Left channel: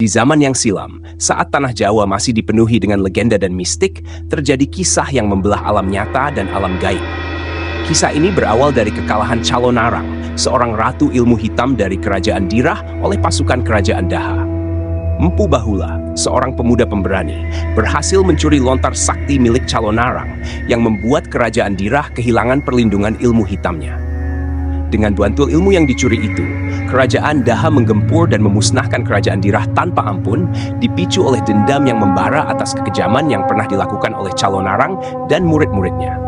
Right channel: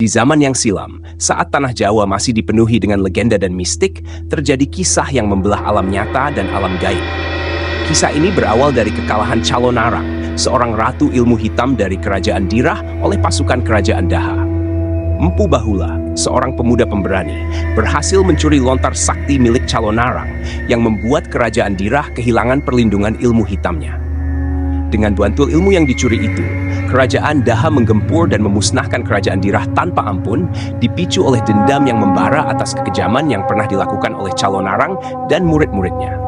Di zaman yang silam, saat tanah Jawa masih dipenuhi dengan legenda dan mistik, terjadi kisah yang membelah alam nyata dan alam gaib. Kisah ini berawal dari kekalahan Calonarang, seorang ratu ilmu hitam dari kerajaan Dirah oleh pasukan kerajaan Daha. Empu Bahula, seorang pemuda pemberani, berhasil mencuri lontar sakti milik Calonarang yang membuat kerajaan Dirah kehilangan perlindungan ilmu hitamnya. Dengan bantul ilmu yang dicuri itu, kerajaan Daha menggempur dan memusnahkan kerajaan Dirah tanpa ampun, dipicu oleh dendam yang membara atas kekejaman yang pernah dilakukan oleh Calonarang dan murid-muridnya.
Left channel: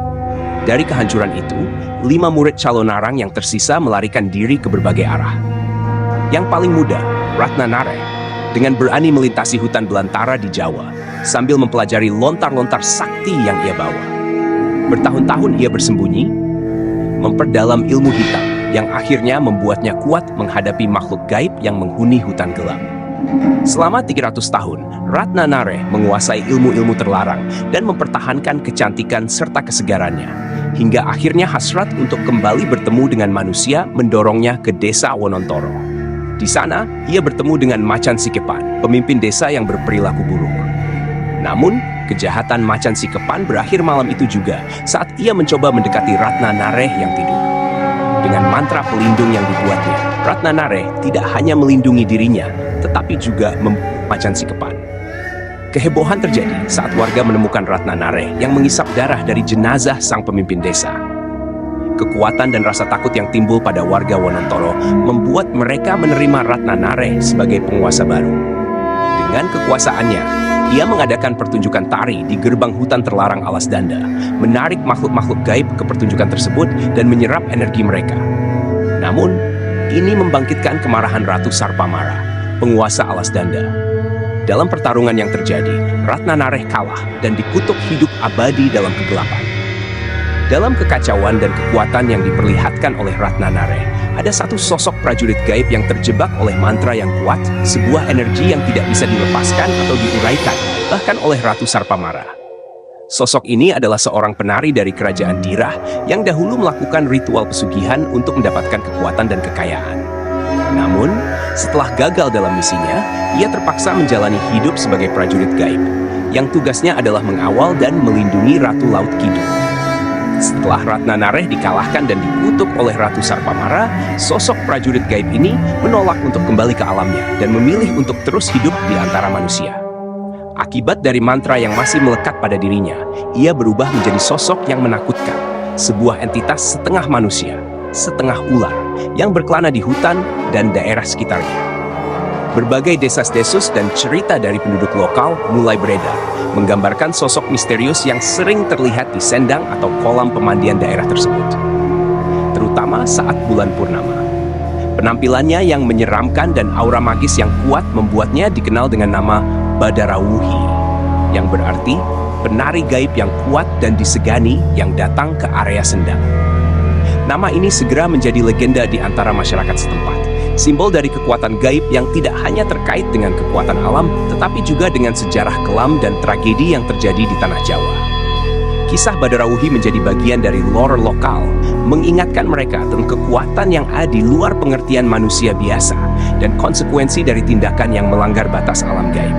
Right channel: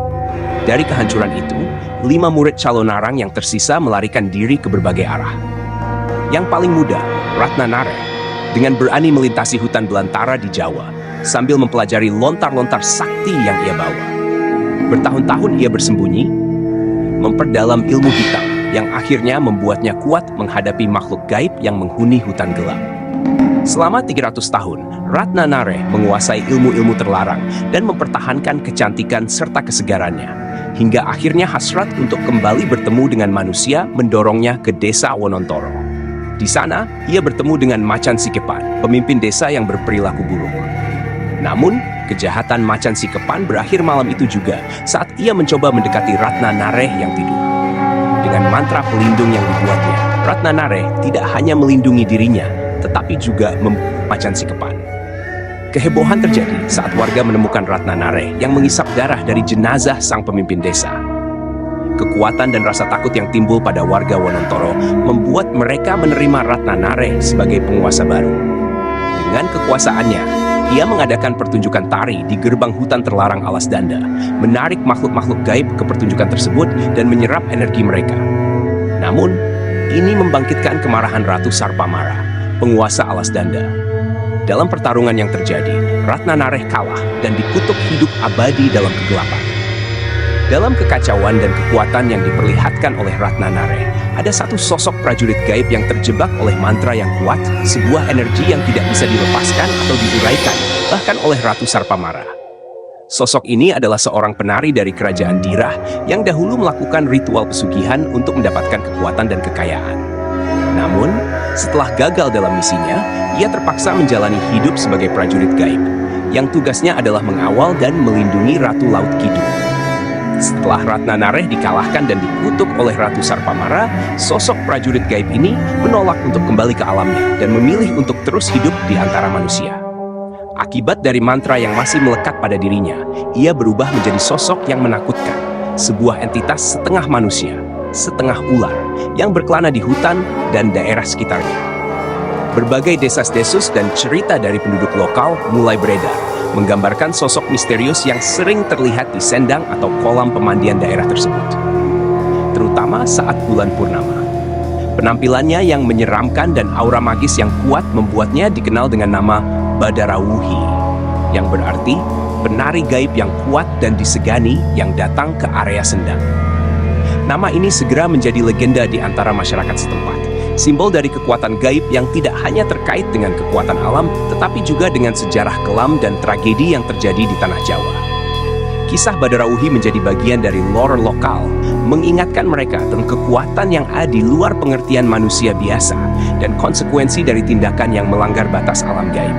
Dari kehancuran itu, 5 murid Calonarang yang tersisa melarikan diri ke berbagai arah. Yang paling muda, Ratnanareh, dengan berani melintasi hutan belantara di Jawa, sambil mempelajari lontar-lontar sakti yang ia bawa. Bertahun-tahun ia bersembunyi, memperdalam ilmu hitam yang akhirnya membuatnya kuat menghadapi makhluk gaib yang menghuni hutan gelap. Selama 300 tahun, Ratnanareh menguasai ilmu-ilmu terlarang dan mempertahankan kecantikan serta kesegarannya, hingga akhirnya hasrat untuk kembali bertemu dengan manusia mendorongnya ke desa Wonontoro. Di sana, ia bertemu dengan Macan Sikepan, pemimpin desa yang berperilaku buruk. Namun, kejahatan Macan Sikepan berakhir malam itu juga saat ia mencoba mendekati Ratnanareh yang tidur. Dengan mantra pelindung yang dibuatnya, Ratnanareh tidak hanya melindungi dirinya, tetapi juga membunuh Macan Sikepan. Kehebohan terjadi saat warga menemukan Ratnanareh yang mengisap darah dari jenazah sang pemimpin desa. Kekuatan dan rasa takut yang timbul pada warga Wonontoro membuat mereka menerima Ratnanareh sebagai penguasa baru. Dengan kekuasaannya, ia mengadakan pertunjukan tari di gerbang hutan terlarang Alas Danda, menarik makhluk-makhluk gaib ke pertunjukan tersebut dan menyerap energi mereka. Namun, ini membangkitkan kemarahan Ratu Sarpamara, penguasa Alas Danda. Dalam pertarungan yang terjadi, Ratnanareh kalah dan dikutuk hidup abadi dalam kegelapan. Dalam kekacauan dan kekuatan yang diperlihatkan oleh Ratnanareh, ada satu sosok prajurit gaib yang terjebak oleh mantra yang kuat, sebuah energi yang tidak bisa dilepaskan atau diuraikan, bahkan oleh Ratu Sarpamara. Sosok ini adalah seorang penari dari kerajaan Dirah yang dahulu melakukan ritual pesugihan untuk mendapatkan kekuatan dan kekayaan. Namun, setelah gagal dalam misinya, ia terpaksa menjalani hidup sebagai prajurit gaib, yang tugasnya adalah mengawal dan melindungi Ratu Laut Kidul. Setelah Ratnanareh dikalahkan dan dikutuk oleh Ratu Sarpamara, sosok prajurit gaib ini menolak untuk kembali ke alamnya dan memilih untuk terus hidup di antara manusia. Akibat dari mantra yang masih melekat pada dirinya, ia berubah menjadi sosok yang menakutkan, sebuah entitas setengah manusia, setengah ular, yang berkelana di hutan dan daerah sekitarnya. Berbagai desas-desus dan cerita dari penduduk lokal mulai beredar, menggambarkan sosok misterius yang sering terlihat di sendang atau kolam pemandian daerah tersebut, terutama saat bulan purnama. Penampilannya yang menyeramkan dan aura magis yang kuat membuatnya dikenal dengan nama Badarawuhi, yang berarti penari gaib yang kuat dan disegani yang datang ke area sendang. Nama ini segera menjadi legenda di antara masyarakat setempat, simbol dari kekuatan gaib yang tidak hanya terkait dengan kekuatan alam, tetapi juga dengan sejarah kelam dan tragedi yang terjadi di tanah Jawa. Kisah Badarawuhi menjadi bagian dari lore lokal, mengingatkan mereka tentang kekuatan yang ada di luar pengertian manusia biasa dan konsekuensi dari tindakan yang melanggar batas alam gaib.